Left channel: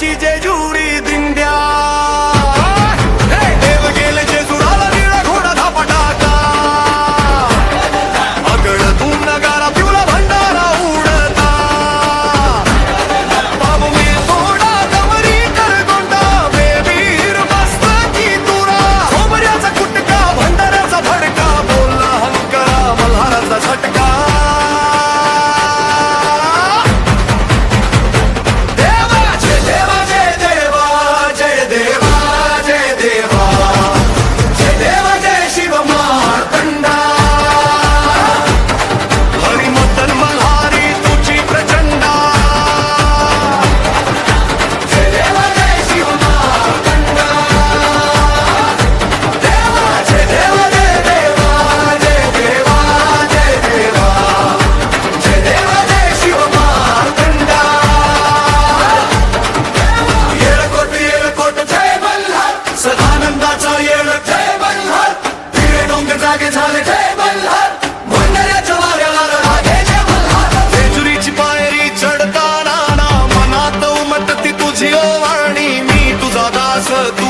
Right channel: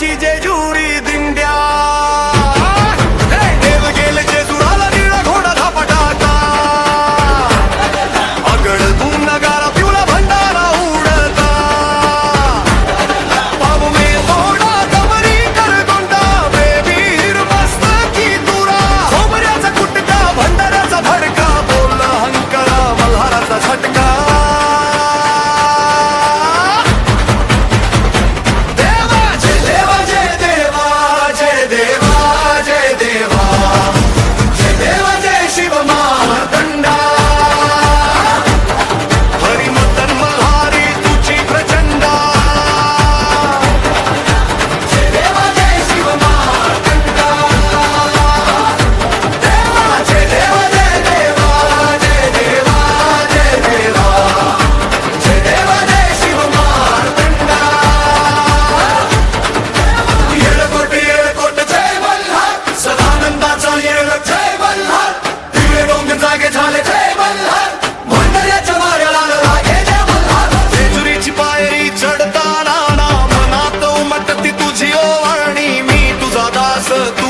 देवाची जेजुरी दिंड्या देव गेले जेजुराला निळा घोडा धापटाका आगळ तू नगारा पिवला भंडारा उडता पाव मे थोडा कमरी कर गोंडा बेबीर मस्त की तुरा खोबऱ्याचा कुटका भंडाऱ्याचा भडका बोलला हंकरा मल्हाराचा झटका चढताना मनात उमटती तुझी ओवाळणी मी तुझा दास तू